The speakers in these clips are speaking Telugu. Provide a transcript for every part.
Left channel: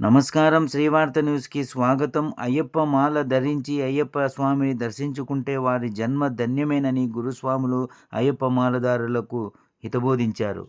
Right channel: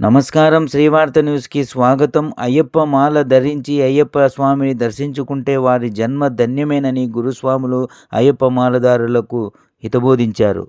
నమస్కారం శ్రీవార్త న్యూస్కి స్వాగతం. అయ్యప్ప మాల ధరించి అయ్యప్ప స్వామిని దర్శించుకుంటే వారి జన్మ ధన్యమేనని గురుస్వాములు అయ్యప్ప మాలదారులకు హితబోధించారు.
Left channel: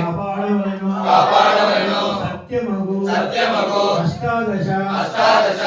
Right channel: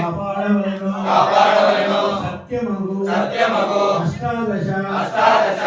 కాపాడవలను. కాపాడవలను. సత్యమగు. సత్యమగు. అష్టాదశ. అష్టాదశ.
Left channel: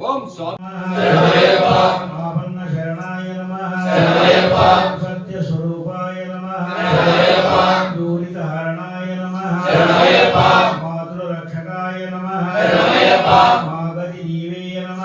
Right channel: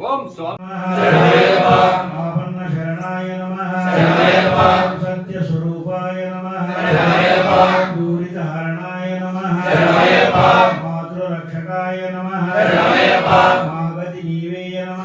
ఓం స్వామి. శరణాయ నమ. సత్య స్వరూపాయ నమ. దూరిత హరణాయ నమ. మాతృరక్షకాయ నమ. మాగతి నీవేయ నమ.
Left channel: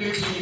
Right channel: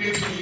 Thank you.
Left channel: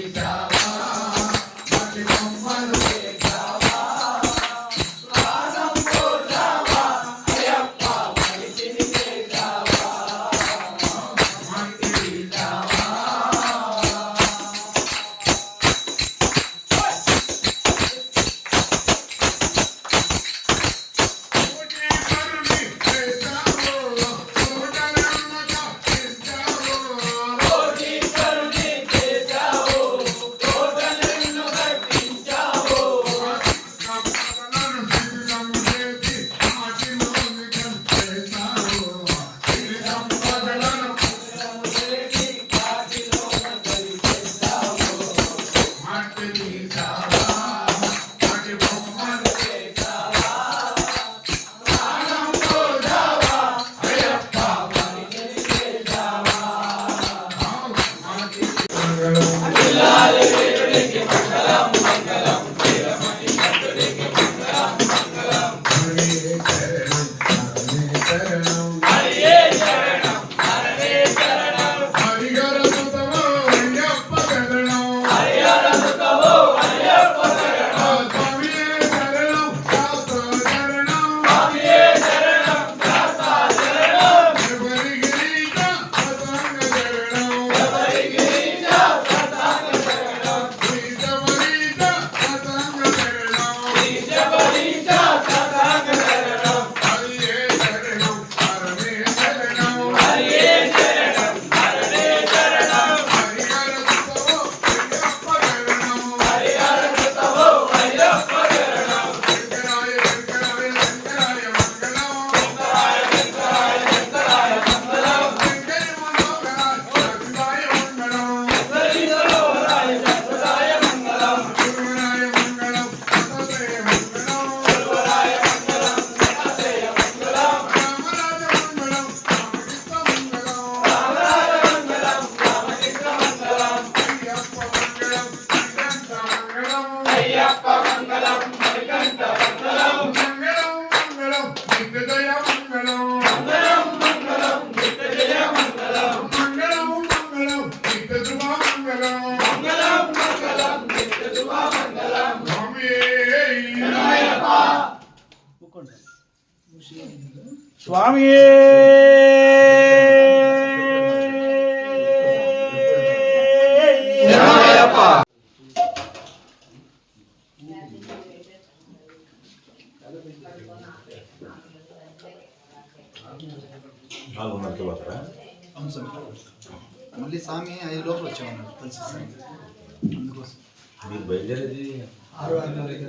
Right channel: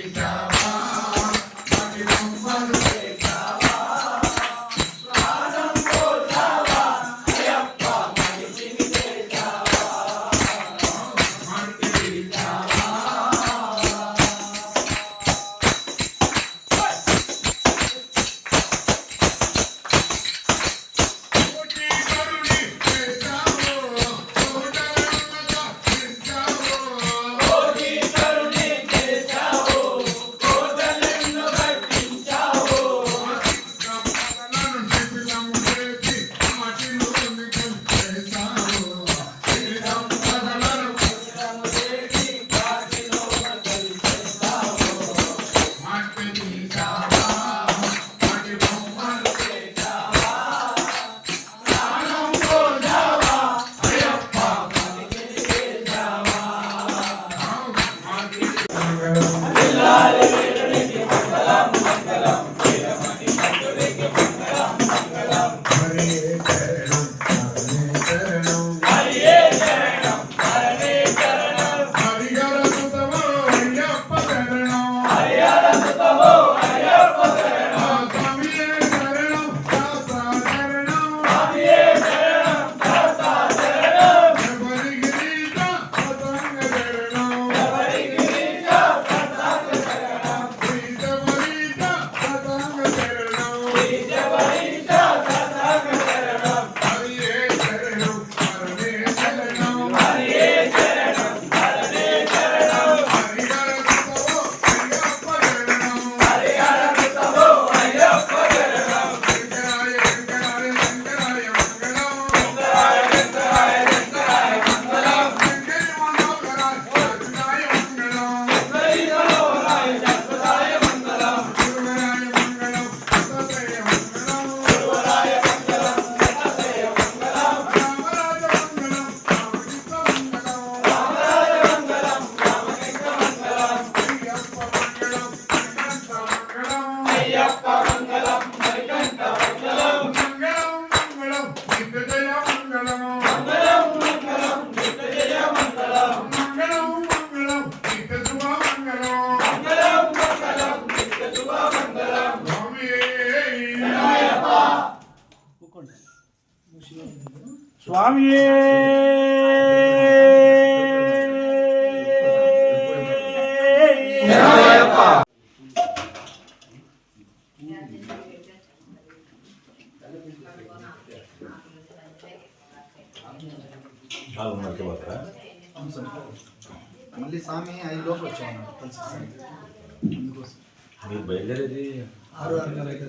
స్వామి నాలుగున్నరకి పోతారా అవును సార్ మళ్ళీ స్వామి ఐదు లోపల వచ్చామన్నారు కలిసి అందుకోసం. మీరు బయలుదేరేది? ఆరు మీరు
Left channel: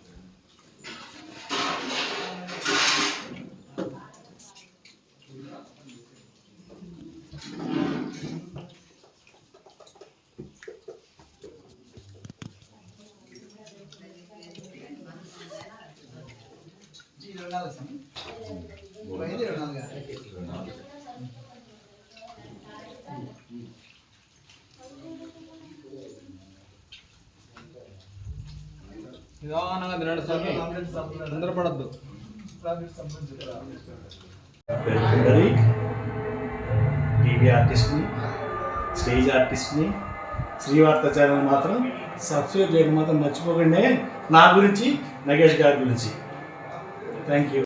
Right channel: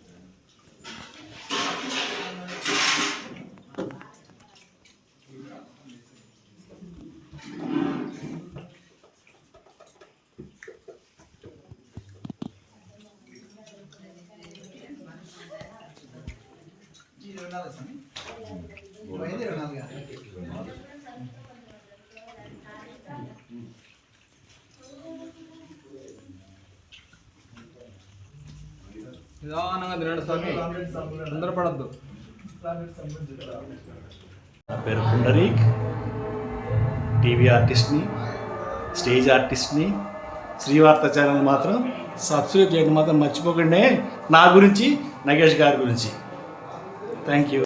నాలుగు స్వామి? ఇరవై ఐదు ఇరవై నాలుగు నిదానంగా తినండి స్వామి. తొందరపడద్దు. నా పేరు పుండరీక్. టీవీ ఆర్టిస్ట్ని స్టేజ్ ఆర్టిస్ట్ని శ్రీవార్త ఛానల్ మాత్రం సబ్స్క్రైబ్ చేయడం మాత్రం మర్చిపోకండి. నా గురించి నగేష్ గారి గురించి. Thank you.